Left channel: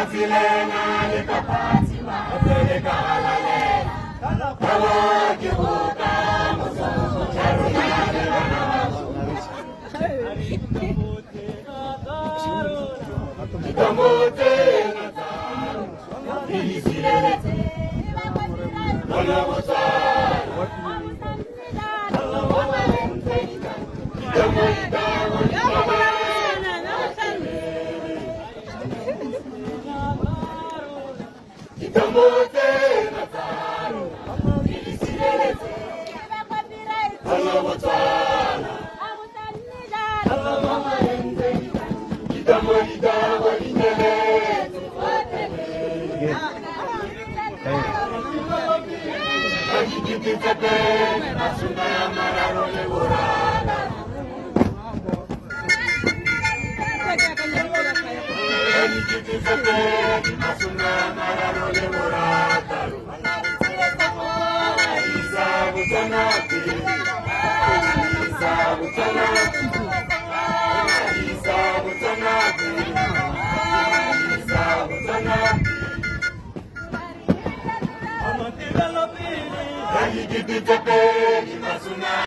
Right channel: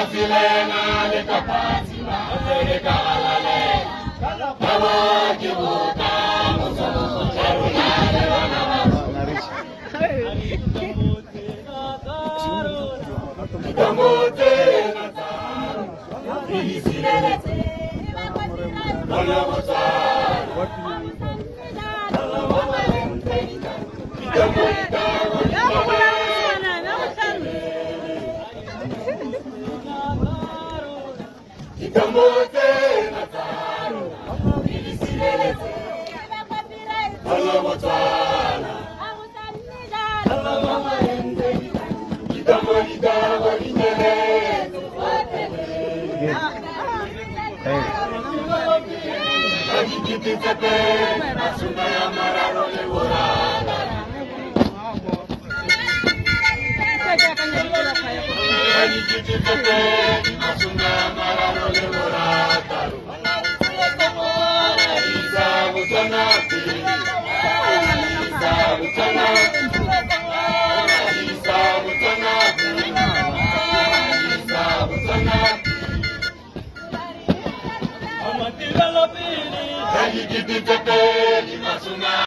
Kasilena likapatima Peleka halale Kawa kibuka Musumu charunale Kamote nataro Isilete Manavotaro Kamote nataro Isilete Manavotaro Amatila la pili,